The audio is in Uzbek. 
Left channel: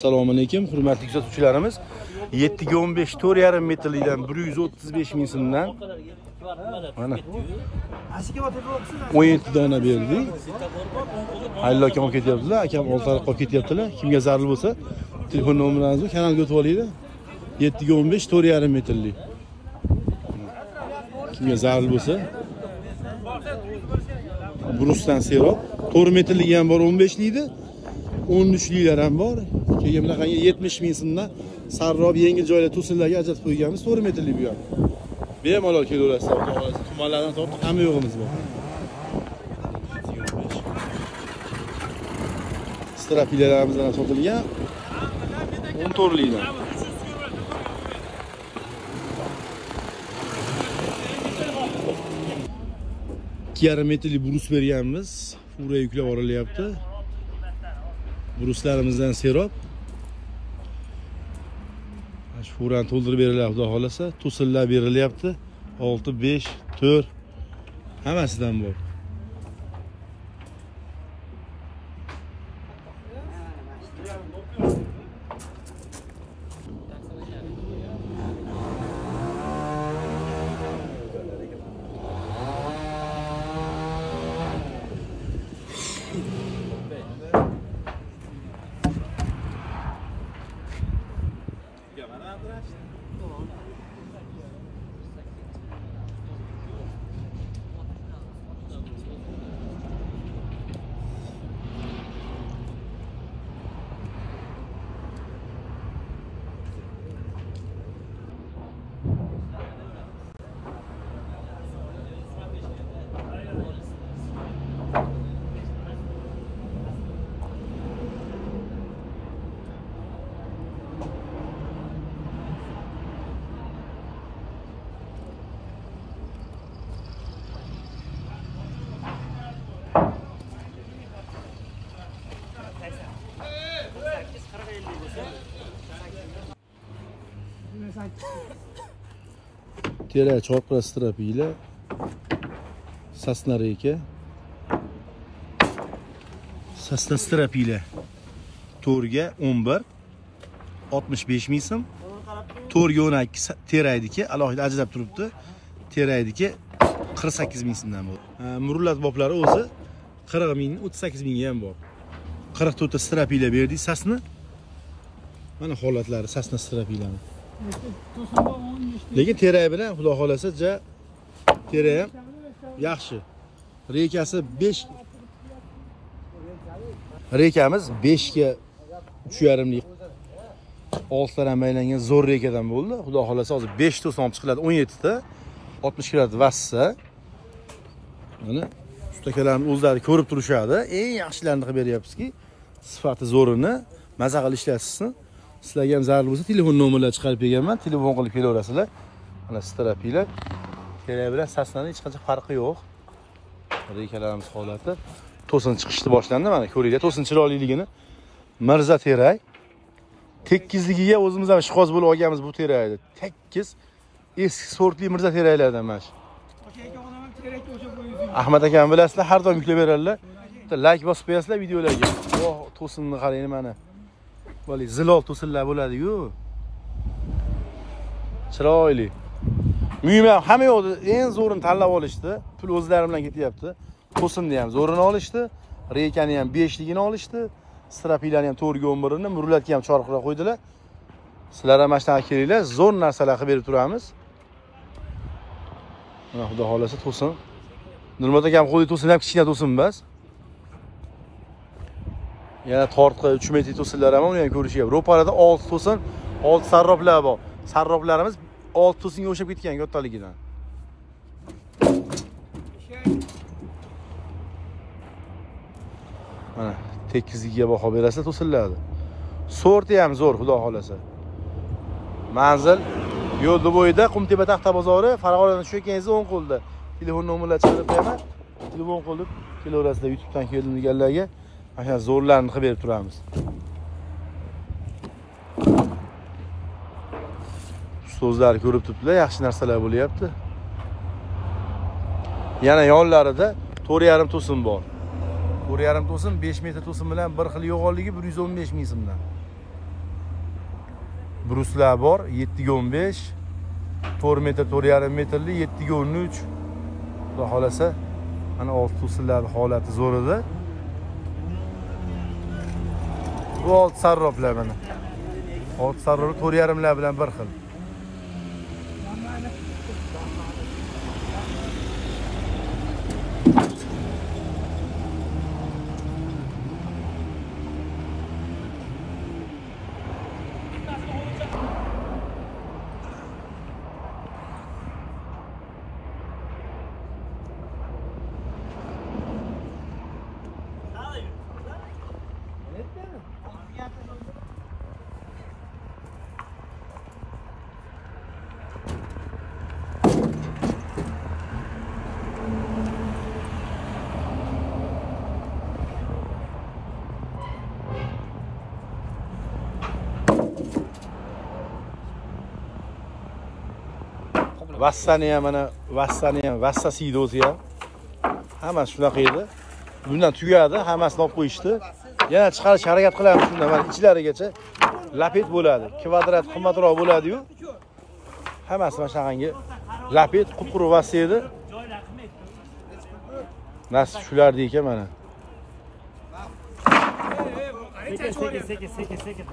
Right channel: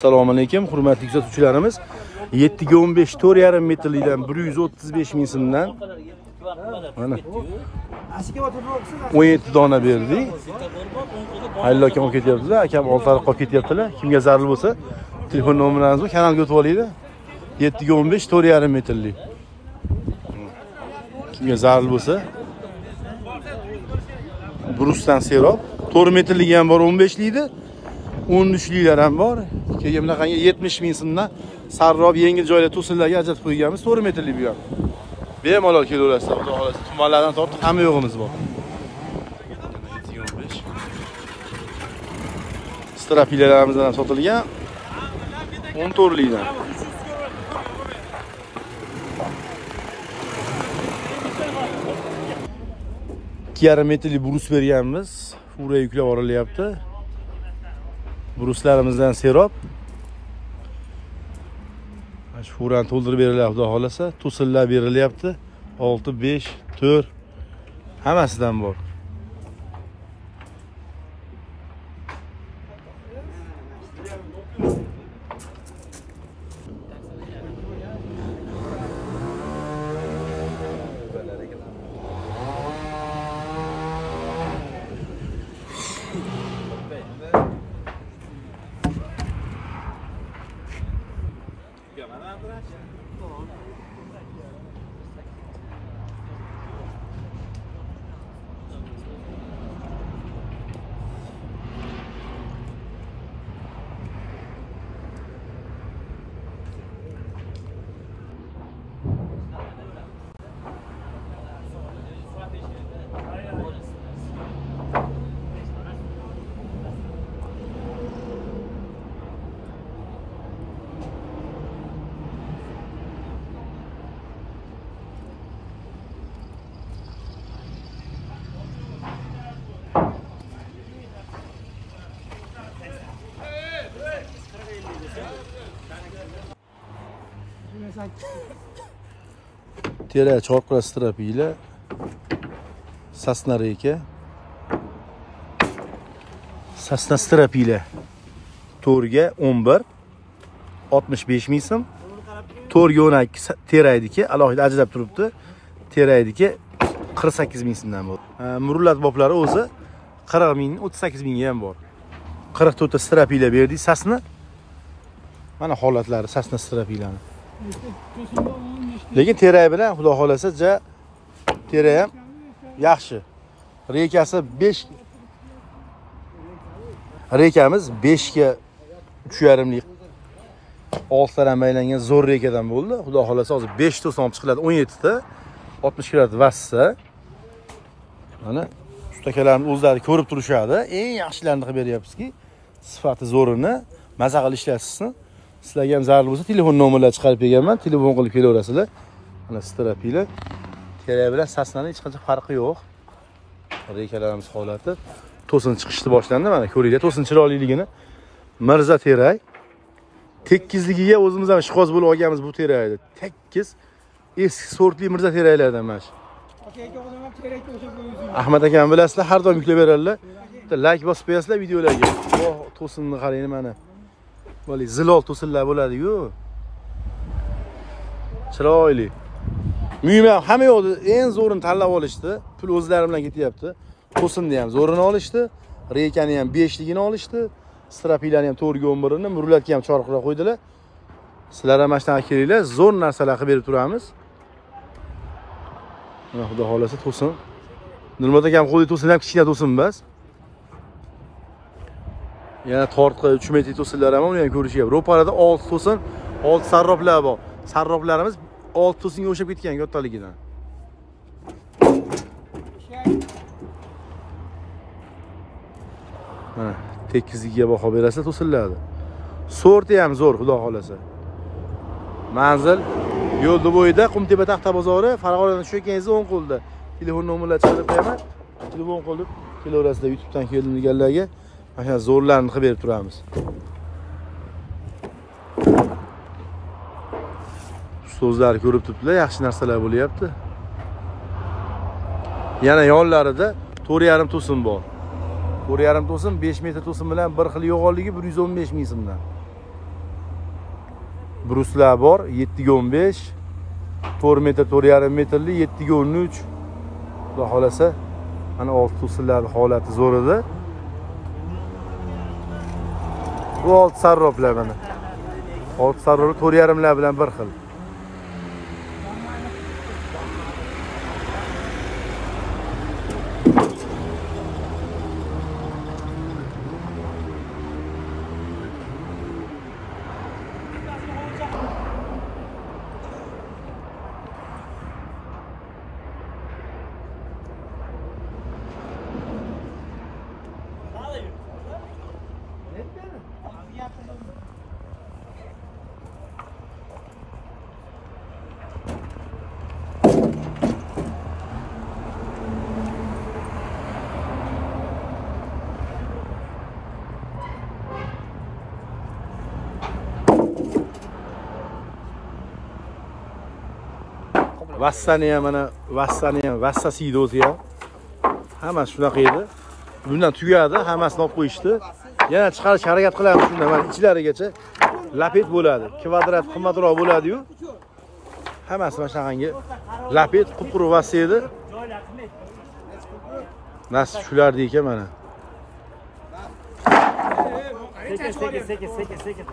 Assalomu alaykum, hurmatli kuzatuvchilarimiz. 7.15 4,5 metrlikdan 135 ming so'mdan 17 dona berdik. Hallo akam olib ketyaptilar, akam oltariq olib ketyaptilar. Kimga zarur bo'lsa, telefon nomerlaringizni kanalga o'tib olinglar. 7.15 4,5 metrlik. Kimga zarur bo'lsa, Brusdan serob 4 metrlik ham bor, 15 likda. 13liklar ham bor. Keyin bunaqangi 70 ming so'mdan sarrob yengil joylar to'sinlarga ajratib qo'yganmiz. 4 metrlik bu ham. Bemalol kelaverasizlar, xudo xolasa. Tumanlardan tortib hamma yo'g'imiz bor. Strapilalarimiz ham sotilgan. 14 likdan. Yarım metrlik brus berganmiz. Fura yuklab yuborilyapti. Bruslarimizdan serob. Shu furani to'ldirib berilyapti, xudo xolasa. To'sinlar berilyapti. 6, 5, 4 hammasidan bor. Tera chorqira strapiyla Sasna reka. Sasna strapiyla to'rga 11 65 ming so'm. To'rga 12 teraydiki, alohida ajrab turibdi. Teraydiki 48 ming so'mdan bor. Murullat boblari o'zi 40 ming, 38 ming ham bor. 44 ta strapiyla berdik Sasna. Mana holatlari Sasna strapiylani. Lekin teray bilan xudo xolasa teray ham yaxshi. Rekasi 5. Rekamiz 5 ga 3,5 lik. 6 taran aylangan zo'r rekadan bo'ldi. Xudo xolasa hozir 5 to'sin olib chiqiladi, 17 ta 60 kg vassa. Mana ustakalarimiz o'zlari ko'rib turishadi. Eng yaxshilarini qilib beryapmizki, sifati zo'rini maza qilib ishlatsin. Sizlarga ham zarur bo'lsa, telefon nomerlarini chiqarib berganman. Telefon qilib kelaverasizlar. Mana strapiylar. Teray bilan Sasnaning hech qancha farqi yo'q. Rekalarimiz holati to'sin chiqishni boshlandi. Mana ko'ringlar, to'sin chiroyliligini. Mirza teray. Tekizligiga o'zimiz ham ishqoz bo'lib olganmiz bu terayni. Tekkiz eski sortli Mirza teraylardan mana shu. Ahmad akam bilasizlar, har doim kelaveradilar. Like bosib qo'yasizlar videolarga. To'sinni qarang mana. Böyle zilol to'sinlar bo'ladi-ku. Chiroyli. Uylar hamma yo'qdi, eng zo'rini tanlab olishdi. Pul o'zlari bilan ketyapti. To'sinni ham zo'rini olishdi, rekani ham 5 ligini olishdi, strapiylarni ham 4 ga 11 ni, murlatga ham chorqira qo'ydilar. Sizlar ham mashina kelinglar, zo'r narsalar qilib berib turamiz. Mana xudo xolasa to'sin. Nurmat akam qo'ydi to'sin ham kichkina to'sin emas. Yana tortqa 3 metr to'sinlar ham uni ham ko'rishga. Ro'parada 6 to'sin, 6 sarroblar bor. Sarroblarimiz 6 to'singa o'xshab ketgan yottaligidan. Mana tekizligiga baho berasiz to'sinlarni. Sorti ham zo'r, xudo xolasa. Manzil yo'lda bo'yida Qumtepa taxta bozori, Farg'onadan tushganingizda o'ng qo'lda. Telefon nomerlarini chiqarib beraman. Telefon qilib kelaverasizlar YouTubedan kelganlarga. Mana zo'rlarni qilib berib turamiz. So'zlar ko'rib turibdilar, yaxshi narsalar bo'lyapti. Yana yonlarida 4,5 to'sin bor. 4,5 to'sin 5 metr to'sin bilan bir xil yo'g'onligi 115 ming so'mdan. bruslar bor 7.15, 4 metr 4,5 metrli 7.13. Xudo xolasa mana old to'sinlarning holati zo'r edi. Bu old sarroplar mana. Old sarrop 4,5lar bilan bir xil. Vassani ham mana vassani ham vassa sidosi ham hammasi shunaqa edi. Bundan tugadi, hammasini olib qo'yishdi. Yana chiqarish harakat qilamiz shunda mana ichlarigacha lapet bo'ladi. Kvadrat qimmatroq bo'ladi-yu. Hammasi mana shunaqangi lapet quruq vassa edi. Nasib shulardi ekan mana. Sekin.